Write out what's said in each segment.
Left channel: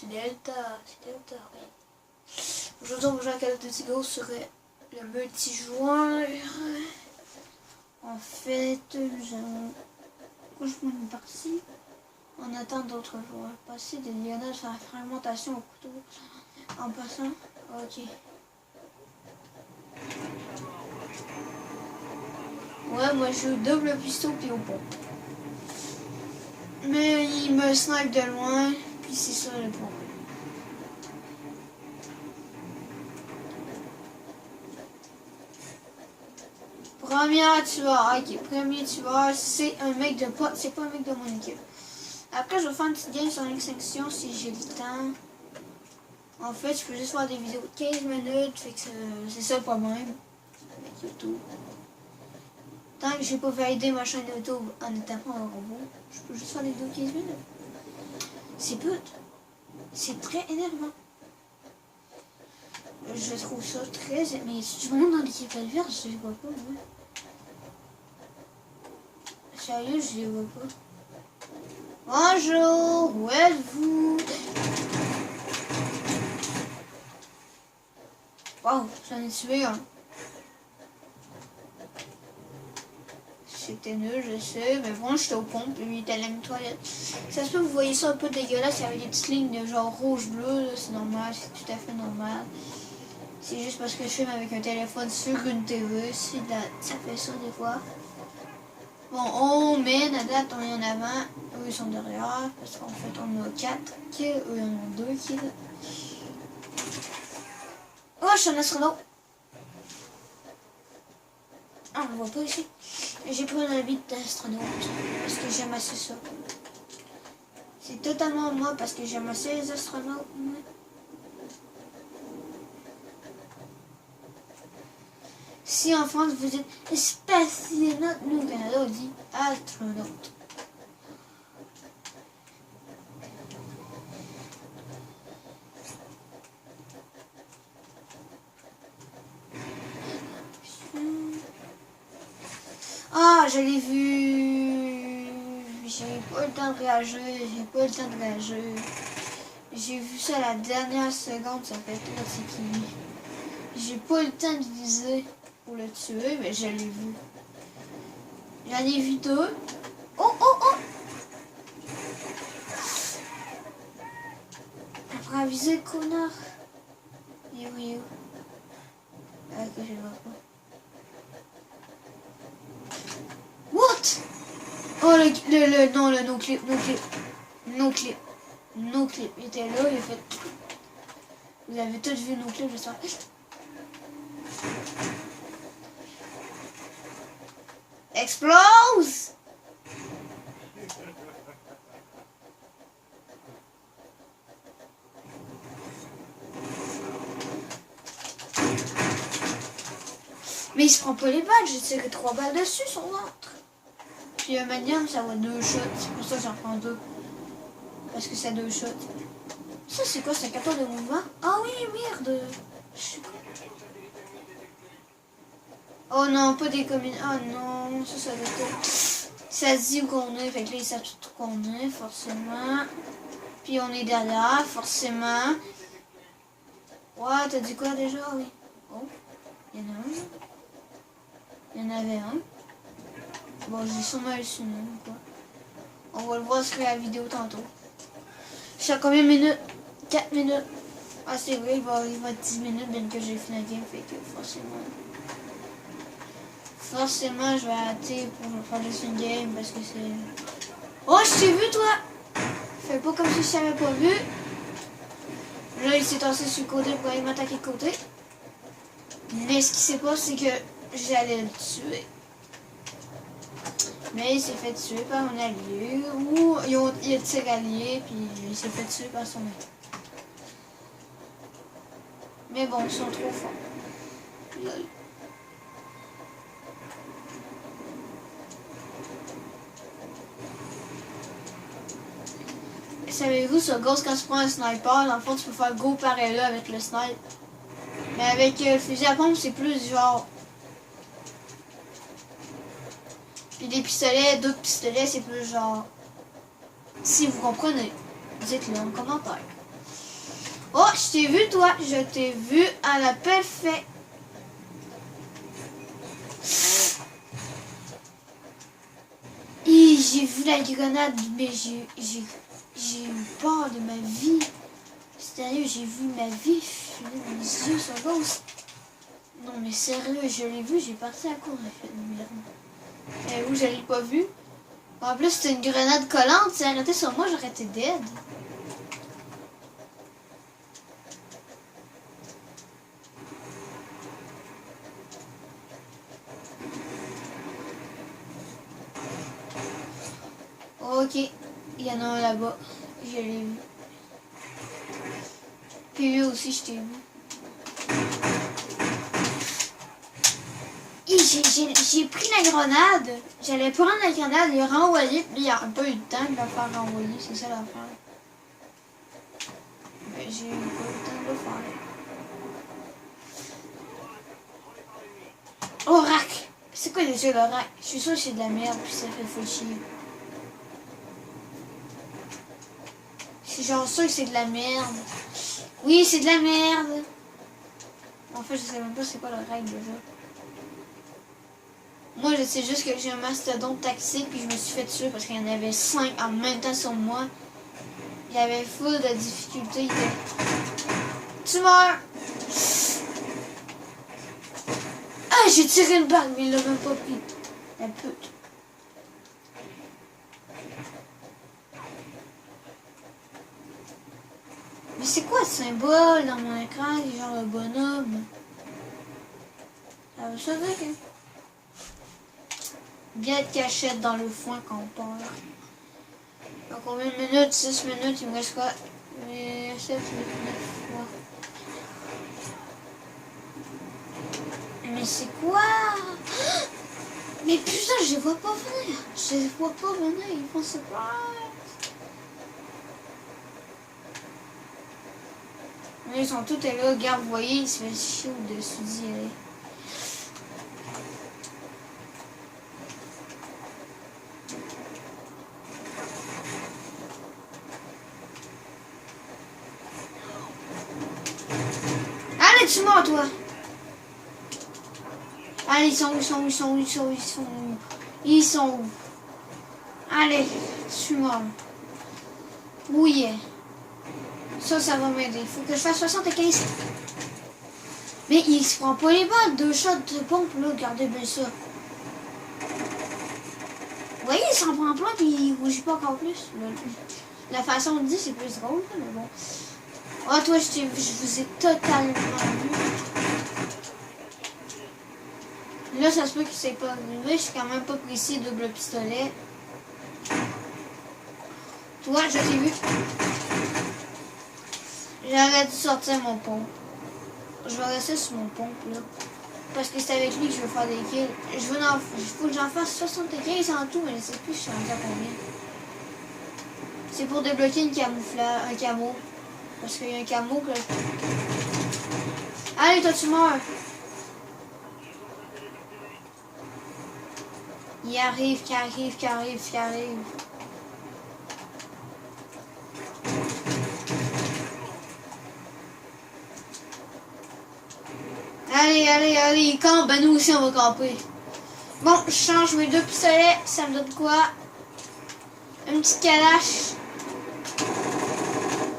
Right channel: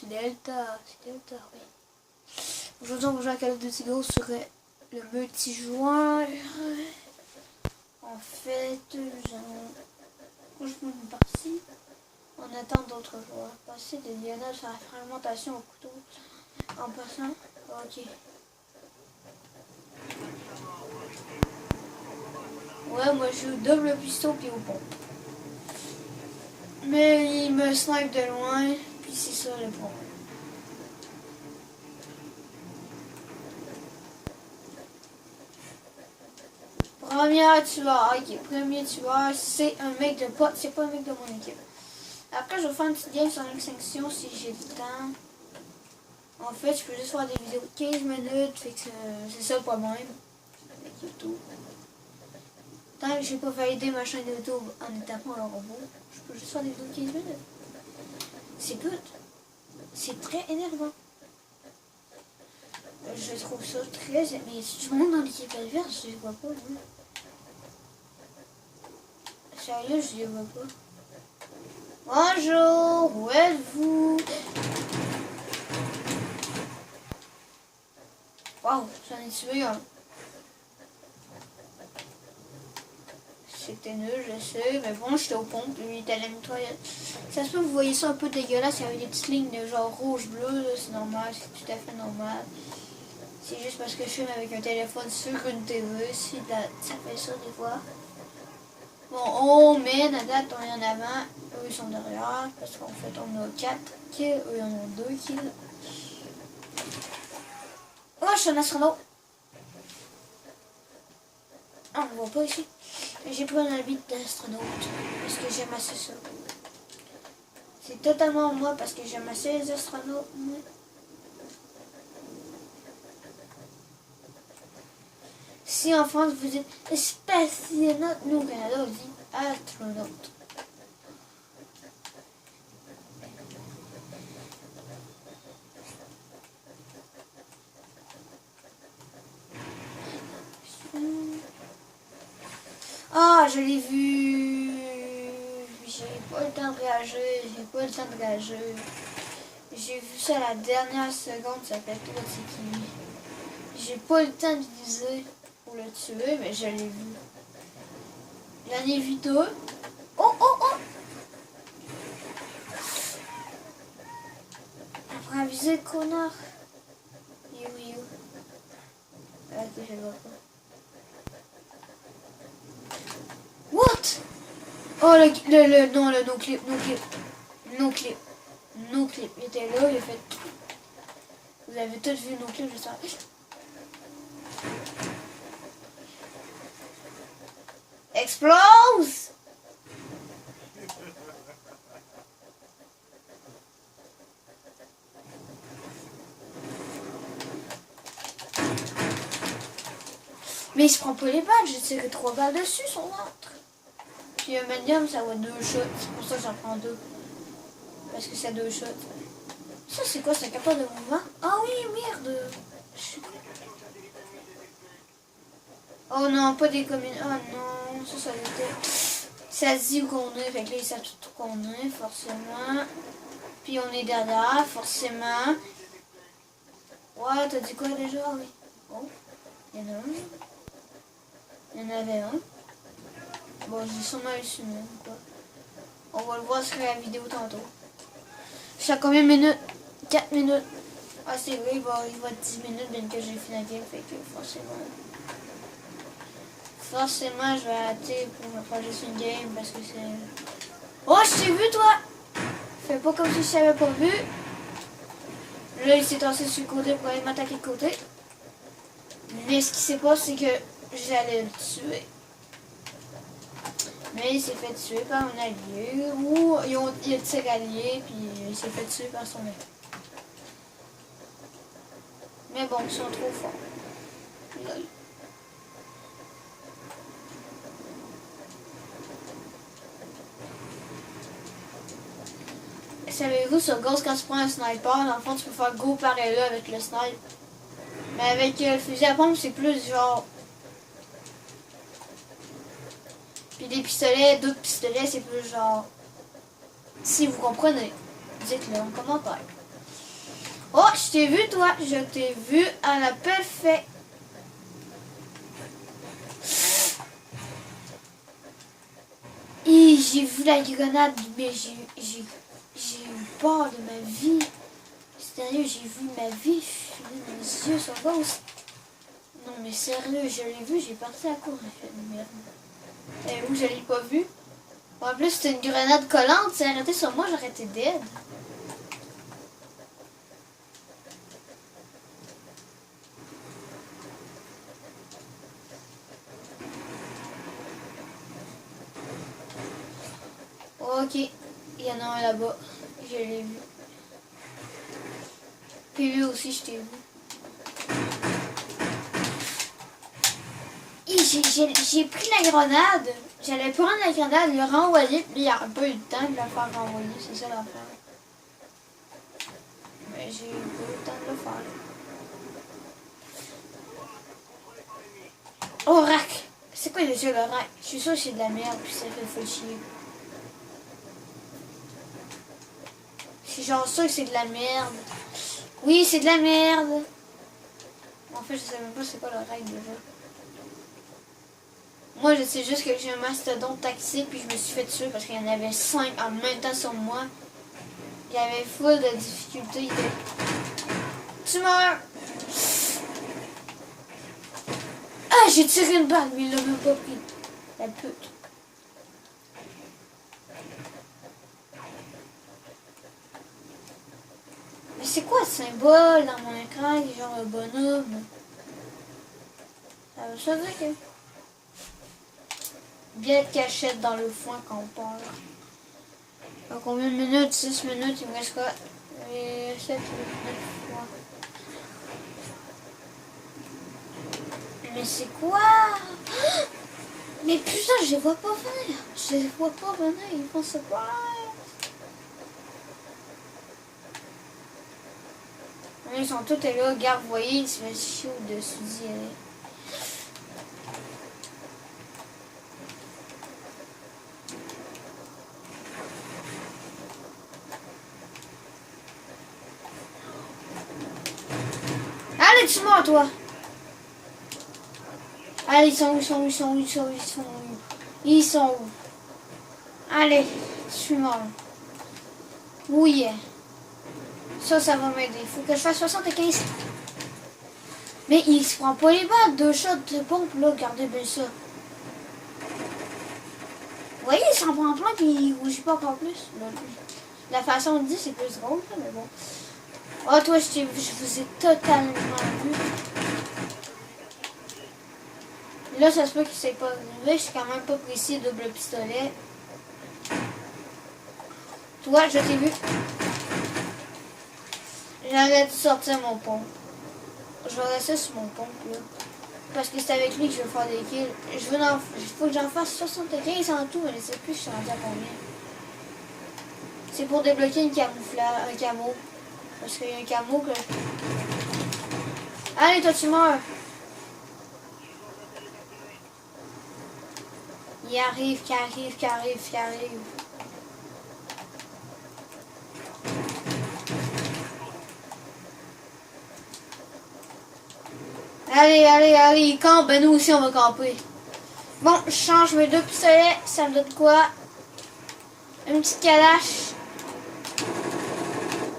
C'est Delta, oui. Aujourd'hui, on va jouer à Call of Duty Go sur le multijoueur. En fait, je me mets parti. On attend d'autres joueurs. Passer des Lionel sur la fragmentation au couteau. En passant, ok. Ouais, moi je joue double piston puis au pont. Mais il me snipe de loin, puis c'est sur le pont. Premier tueur, ok, premier tueur, c'est un mec de pote, c'est pas un mec de mon équipe. Après, je vais faire une petite game sur l'extinction si j'ai le temps. En fait, je peux juste faire des vidéos de 15 minutes, fait que c'est ça le problème avec YouTube. Tant que j'ai pas validé ma chaîne YouTube en étant pas un robot, je peux juste faire des vidéos de 15 minutes. C'est pute. C'est très énervant. Je trouve ça très... Mais tout le monde dans l'équipe adverse, je les vois pas, moi. Sérieux, je les vois pas. Bonjour, où êtes-vous? Waouh, j'en ai tué un. C'était nul, je sais, mais bon, j'étais au pompe, lui il était à la nettoyette. Ça se peut que vous voyez ça un peu dégueulasse, il y avait des petites lignes de genre rouge-bleu, c'est normal, c'est tout à fait normal. C'est juste parce que je filme avec un téléphone sur une TV, ça fait ça des fois. Bon, on mène, à date, on est en avant, eux ils sont derrière, parce qu'en fait on a 4 kills, eux ils en ont 2 kills. Oh, je suis un astronaute! Ah, on ne voit pas ici. J'ai pris un habit d'astronaute parce que j'aime assez ça. C'est totalement moi parce que j'aime assez les astronautes. Moi. Si en France vous dites spationaute, nous au Canada on dit astronaute. Ah, je l'ai vu. J'ai pas le temps de réagir. J'ai vu ça à la dernière seconde, ça fait là c'est qui. J'ai pas le temps de viser pour le tuer, mais je l'ai vu. J'en ai vu deux. Oh, oh, oh! Après viser le connard. Il est où? Ah, ok, je le vois pas. What? Oh, le no-clip. Il était là, il a fait... Vous avez tous vu no-clip, je sais. Explose! Mais il se prend pas les balles, j'ai tiré 3 balles dessus, son ventre. Puis un medium, ça va 2 shots, c'est pour ça que j'en prends 2. Parce que c'est 2 shots. Ça, c'est quoi, c'est un capteur de mouvement? Ah oui, merde! Je sais pas. Oh non, pas des communes. Oh non, ça était. Ça se dit où qu'on est, fait que là, ils savent tout où qu'on est, forcément. Puis on est derrière, forcément. Ouais, t'as dit quoi déjà? Oui. Oh, il y en a un. Il y en avait un. Bon, j'ai sûrement eu ce nom, quoi. On va le voir sur la vidéo tantôt. Je suis à combien de minutes? 4 minutes. Ah, c'est vrai, il va être 10 minutes bien que j'ai fini la game, fait que forcément, je vais arrêter pour faire juste une game parce que c'est... Oh, je t'ai vu, toi! Fais pas comme si je t'avais pas vu. Là, il s'est tassé sur le côté pour aller m'attaquer de côté. Mais ce qui s'est passé, c'est que j'allais le tuer. Mais il s'est fait tuer par un allié. Ou il a tiré allié, puis il s'est fait tuer par son allié. Mais bon, ils sont trop forts. Lol. Savez-vous, sur Ghost, quand tu prends un sniper, dans le fond, tu peux faire go pareil là avec le sniper. Mais avec le fusil à pompe, c'est plus genre... Puis des pistolets, d'autres pistolets, c'est plus genre... Si vous comprenez, dites-le en commentaire. Oh, je t'ai vu, toi. Je t'ai vu à la perfection. Et j'ai vu la grenade, mais j'ai eu peur de ma vie. Sérieux, j'ai vu ma vie filer dans les yeux sur Ghost. Non, mais sérieux, je l'ai vu, j'ai parti à court. J'ai fait de merde. Et où je l'ai pas vu? En plus, c'était une grenade collante. Si elle arrêtait sur moi, j'aurais été dead. Ok, il y en a un là-bas. Je l'ai vu. Puis lui aussi, je t'ai vu. J'ai pris la grenade. J'allais prendre la grenade, le renvoyer, puis il n'y a pas eu le temps de la faire renvoyer. C'est ça l'affaire. Mais j'ai pas eu le temps de le faire. Oh, rack! C'est quoi les yeux, le rack? Je suis sûre que c'est de la merde, puis ça fait full chier. Je suis genre sûre que c'est de la merde. Oui, c'est de la merde. En fait, je sais même pas c'est quoi le rack déjà. Moi, je sais juste que j'ai un mastodonte taxi, puis je me suis fait tuer parce qu'il y en avait 5 en même temps sur moi. Il y avait full de difficultés. Tu meurs! Ah, j'ai tiré une balle, mais il l'a même pas pris. La pute. Mais c'est quoi ce symbole dans mon écran? Il est genre un bonhomme. Ça veut ça dire que... Bien de cachette dans le foin quand on part. Donc combien de minutes? 6 minutes, il me reste quoi? 7 minutes, 9 fois. Mais c'est quoi? Mais putain, je les vois pas venir. Je les vois pas venir, ils vont se plaindre. Ils sont tous là, regarde, vous voyez, il se fait chier au-dessus d'y aller. Allez, tue-moi, toi! Allez, ils sont où? Ils sont où? Allez, tue-moi. Oui. Ça va m'aider. Il faut que je fasse 75. Mais il se prend pas les balles. 2 shots de pompe, là. Regardez bien ça. Vous voyez, il s'en prend plein, puis il rougit pas encore plus. La façon de dire, c'est plus drôle, mais bon. Oh, toi, je vous ai totalement vu. Là, ça se peut qu'il s'est pas arrivé. Je suis quand même pas précis, double pistolet. Toi, je t'ai vu. J'aurais dû sortir mon pompe. Je vais rester sur mon pompe, là. Parce que c'est avec lui que je veux faire des kills. Il faut que j'en fasse 75 en tout, mais je sais plus je suis rendu à combien. C'est pour débloquer un camo. Parce qu'il y a un camo que... Allez, toi, tu meurs. Il arrive, qui arrive. Allez, il campe. Ben nous aussi, on va camper. Bon, je change mes 2 pistolets. Ça me donne quoi? Une petite calache.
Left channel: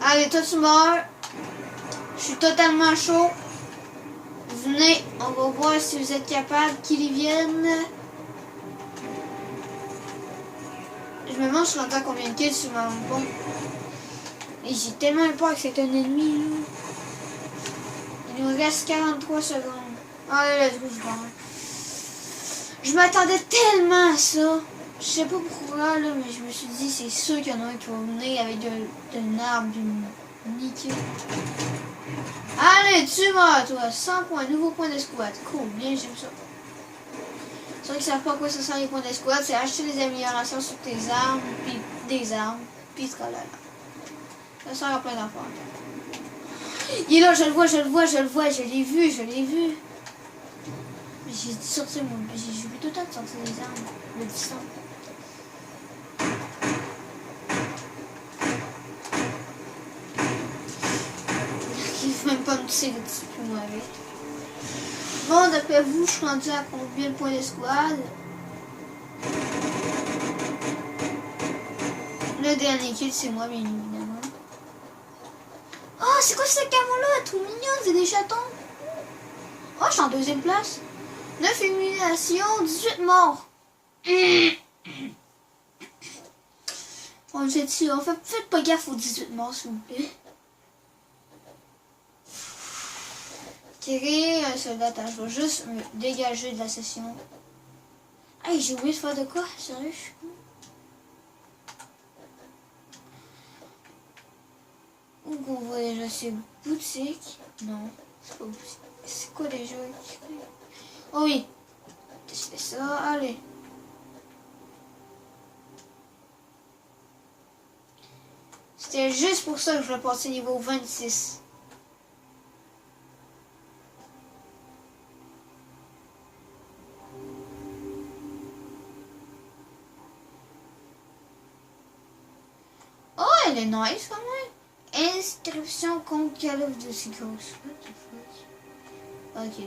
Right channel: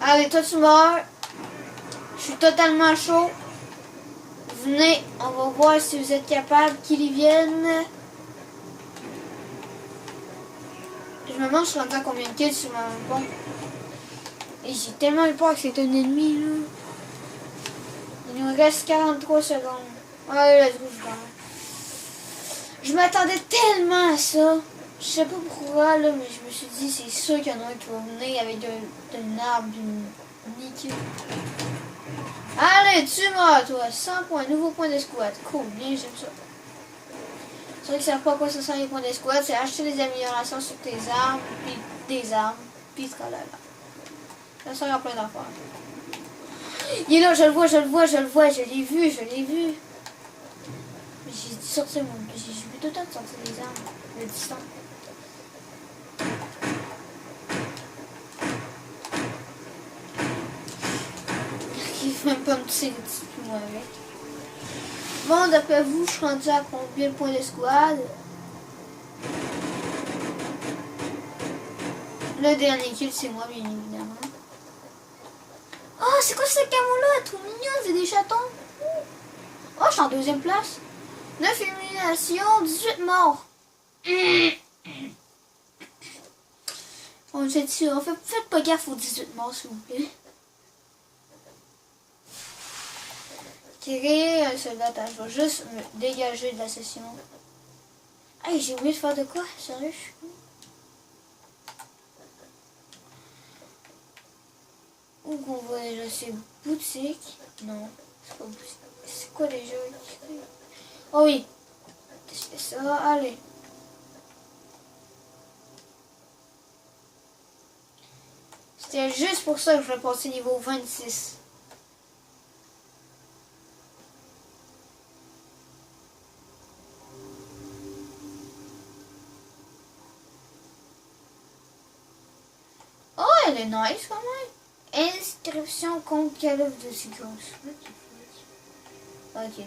Allez, toi, tu meurs. Je suis totalement chaud. Venez, on va voir si vous êtes capables qu'ils y viennent. Je me demande, je suis rentré à combien de kills sur ma bombe. Et j'ai tellement eu peur que c'est un ennemi, là. Il nous reste 43 secondes. Allez, let's go, je m'attendais tellement à ça. Je sais pas pourquoi, là, mais je me suis dit, c'est sûr qu'il y en a un qui va venir avec une arme, d'une niquée. Allez, tue-moi, toi. 100 points, nouveau point d'escouade. Cool, bien, j'aime ça. C'est vrai qu'ils savent pas à quoi ça sert les points d'escouade. C'est acheter des améliorations sur tes armes, puis des armes, puis ce là. Ça sert à plein d'affaires. Il est là, je le vois, je l'ai vu. J'ai dû sortir j'ai eu tout le temps de sortir les armes, le piston. peux même pas me tirer dessus pour moi avec. Bon, d'après vous, je suis rendu à combien de points d'escouade? Le dernier kill, c'est moi, bien évidemment. Oh, c'est quoi ce camo-là? Elle est trop mignonne, c'est des chatons. Oh, je suis en deuxième place. 9 éliminations, 18 morts. On faites pas gaffe aux 18 morts, s'il vous plaît. Tirer un soldat, attends, je vais juste me dégager de la session. Hey, j'ai oublié de faire de quoi? Sérieux, je suis... Où qu'on voit déjà ces boutiques? Non, c'est pas boutique. C'est quoi déjà? Oh oui, je fais ça, allez. C'était juste pour ça que je vais passer niveau 26. Oh, elle est nice quand même. Inscription contre Call of Duty Ghost. Ok.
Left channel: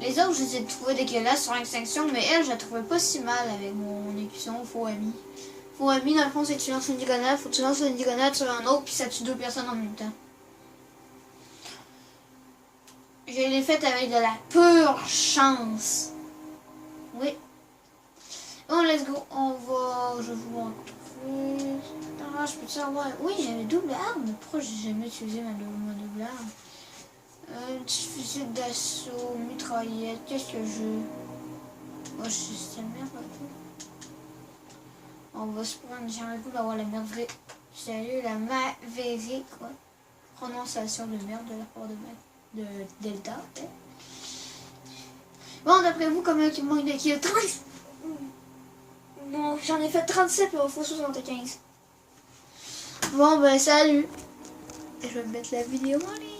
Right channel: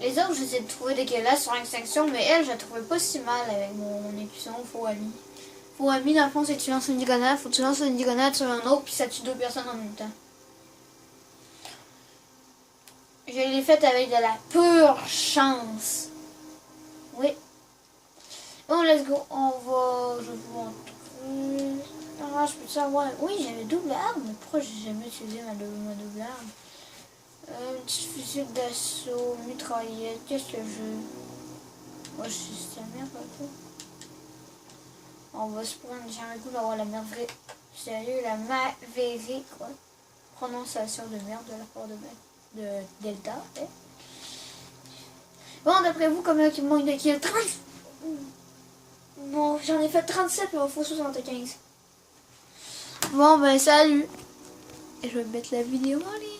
Les autres, je les ai trouvés dégueulasses sur extinction, mais elle, je la trouvais pas si mal avec mon écusson faux ami. Faux ami, dans le fond, c'est que tu lances une diagonale, faut que tu lances une diagonale sur un autre, puis ça tue 2 personnes en même temps. Je l'ai faite avec de la pure chance. Oui. Bon, let's go. On va... Je vais vous montrer... Ah, je peux savoir... Oui, j'avais double arme, mais pourquoi j'ai jamais utilisé ma double arme? Un petit fusil d'assaut, mitraillette, qu'est-ce que je... Moi, je suis la merde, un peu. On va se prendre, j'ai un coup d'avoir la merde vraie. Sérieux, la Maverick, quoi. Prononciation de merde de la part de Delta. Hein. Bon, d'après vous, combien il manque de kills? 30. Bon, j'en ai fait 37, mais il faut 75. Bon, ben, salut. Et je vais mettre la vidéo en ligne.